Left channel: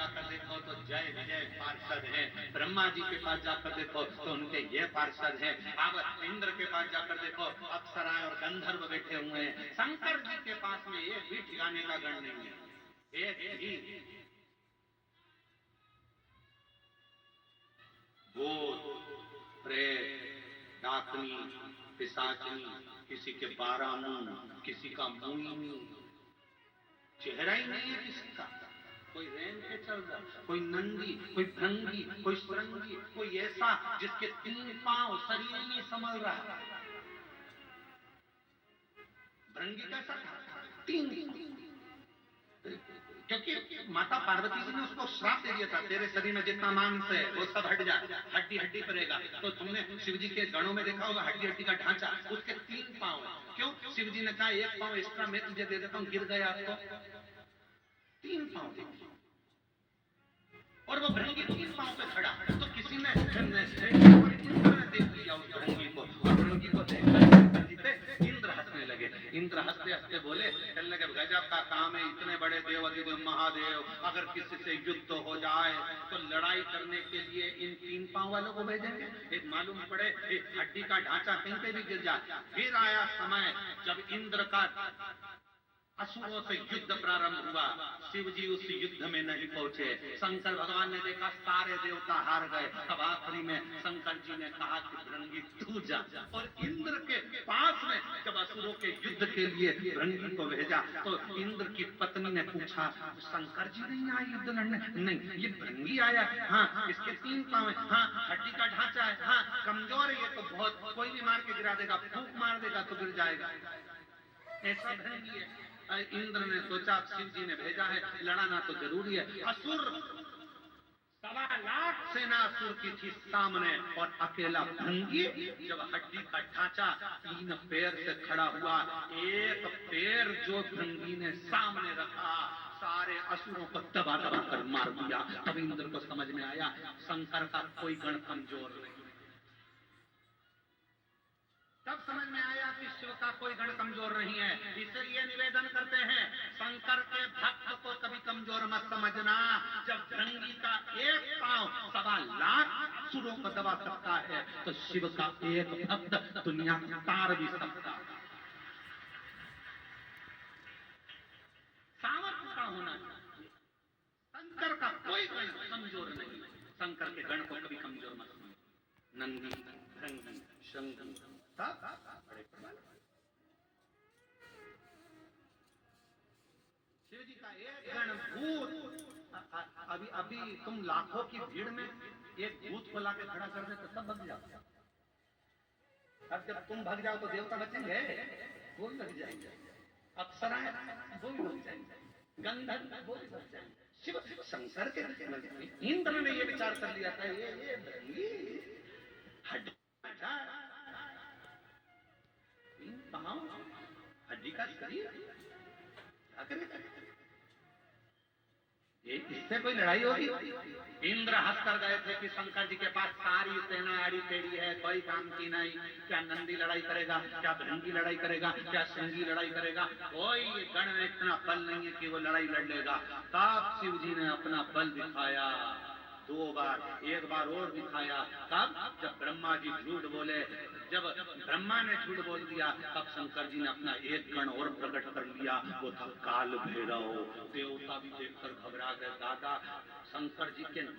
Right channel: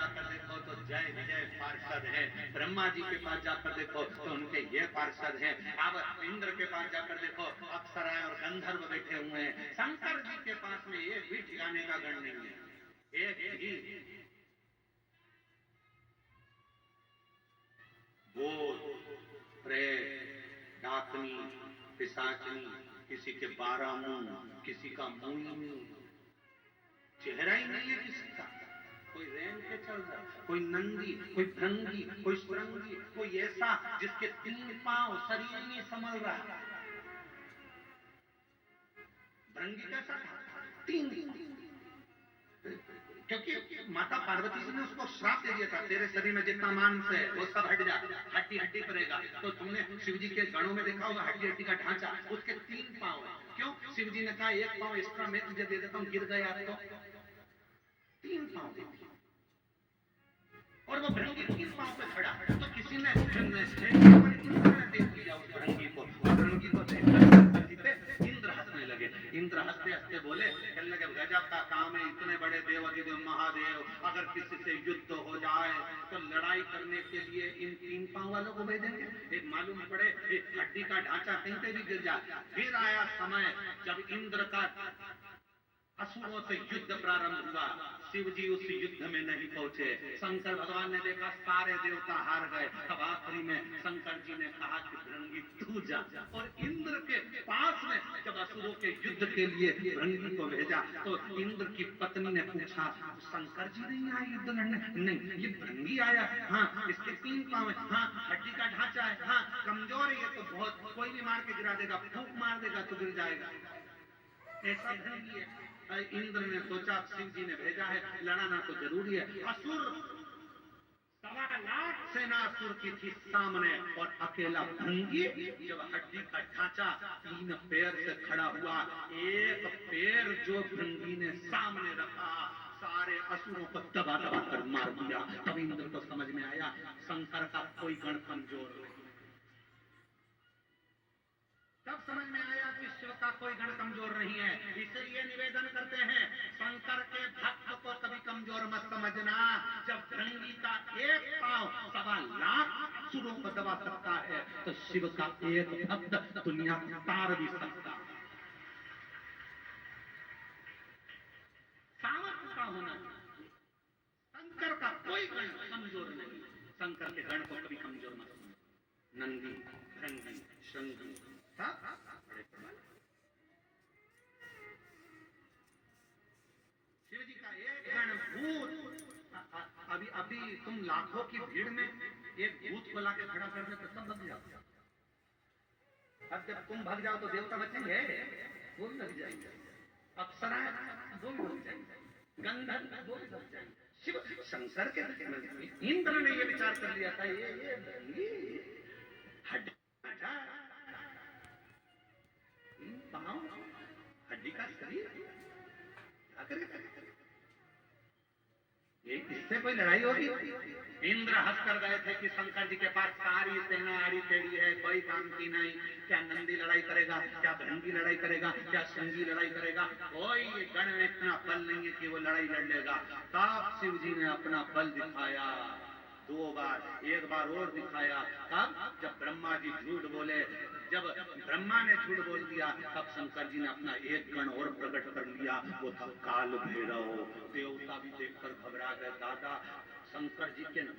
जाकर देखो तो जय विजय पार्षद हैं, ब्रह्मा जी के पास जाकर देखो तो उनके ये पार्षद हैं, अब इंद्र के पास जाकर देखो अप्सराएं और गंधर्व बैठे हुए हैं, शंकर जी के पास में एक भी ठिकाने का गण नहीं है, एक ही। भूत प्रेत डाकनी पिशाचनी, किसी के 12 मुंह, किसी का मुंह, चेहरा ही नहीं है किसी का, कोई रेंग के चल रहा, कोई नंदी, कोई भृंगी, कोई श्रृंगी, कोई ऐसा जिसके 3 पांव शरीर में संभल रहा है। भृंगी कैसा था? 3, क्योंकि माता पार्वती जी ने उसको श्राप दे दिया था, तेरे शरीर में जितना मांस है वो सब हट जा, हड्डी हड्डी करेगा। तो तुमने शिव जी के गणों में देखा होगा हड्डी हड्डी का ढांचा, उसके 3 पांव है। क्यों? शिव जी ने कहा 1 पांव एक्स्ट्रा मैं तुझे दे देता हूँ, गिर गया आपको 3 पांव, और वो भृंगी 3 पांव पे खड़ा। तो किसी ने देख लिया उस भृंगी को, और भृंगी को इंद्र हंसने लगे। इंद्र हंसते हंसते बोले, कहने लगे गजब का काम है, इतने बड़े देव अधिदेव महादेव, अगर किसी से युद्ध हो जाए तो लड़ाई करने के लिए इन 3 पांव वालों को भेजेंगे? एक मालूम पड़े एक हड्डी का ढांचा कहीं पे भी गिर जाए। फिर आया समय जब इंद्र का असुरों से युद्ध प्रारंभ हुआ, शिव जी उस युद्ध में नहीं पहुंचे। शंकर भगवान ने देखा सारे देवता हार गए, अब आखिरी में शंकर जी ने कहा कि भृंगी तू जा, और इंद्र के पास में जब असुरों के युद्ध के लिए भृंगी को भेजा तो इंद्र की पत्नी ने पूछा, शंकर जी नहीं आए युद्ध लड़ने? नहीं, ये भृंगी आया। हाँ, इसके 3 पांव है, हाँ हड्डी का ढांचा है, हाँ कमजोर है, ये तो बहुत कोई भी मार के गिरा देगा, फूंक मार देगा तो गिर जाएगा, ऐसा भृंगी है। इंद्र ने सोचा शिव जी ने भेजा है, लड़ाना तो जरूरी है। असुर 1.25 लाख सेना असुर की थी सामने, और अकेला भृंगी जब हड्डी का ढांचा 3 पैर से खड़ा हुआ, एक पैर जो भृंगी ने सामने रखा सारे असुरों को दबा दबा कर मार दिया। तब इंद्र को समझ में आया शंकर का कोई गण कमजोर नहीं, तब समझ में आया कि शिव का कोई गण कमजोर नहीं है। इसलिए निवेदन करते हैं शंकर के भक्त को कभी कमजोर मत समझना। जब भृंगी का 1 पांव 1.25 लाख असुरों को दबा सकता है तो शिव का एक भक्त दुनिया तार भी सकता है। सामर्थ्य का होना चाहिए। शंकर का कोई गण कमजोर नहीं, शंकर के गण को कभी कमजोर मत समझना। नंदी भृंगी शंगी बड़े प्रबल। शिव जी का एक गण भूत, अभी तुम लाखों की भीड़ में एक भूत को लाके खड़ा कर दे तो सब भग जाओ। अब जब तुम भग जाओ तो देवता बचेंगे? वो भी भग जाएंगे, अप्सराएं वो भी भग जाएंगे, गंधर्व वो भी भग जाएंगे। शिव शंकर के इंद्र ने ये विचार कर लिया था, ये हड्डी हड्डी का शरीर क्या करेगा? इससे कोई लड़ाई होगी? इंद्र हंस कर गए थे कि शंकर जी के पास सारी सेना आड़ी टेढ़ी है, कोई काम की नहीं। क्या नंदी लड़ाई करेगा? क्या भृंगी लड़ाई करेगा? क्या श्रृंगी लड़ाई करेगा? कोई गण में इतना बल नहीं है कि वो लड़ाई लड़ लेगा। तब शिव जी ने अपना बल दिखाया 2 बार, 1 बार और दिखाया। तब जब ब्रह्मा जी झूठ बोले, जब ब्रह्मा ने झूठ बोल दिया, तब शंकर जी ने अपना एक गण और प्रकट कर लिया, वो था काल भैरव। देवता भी देखकर घबरा गए, दादा शंकर जी के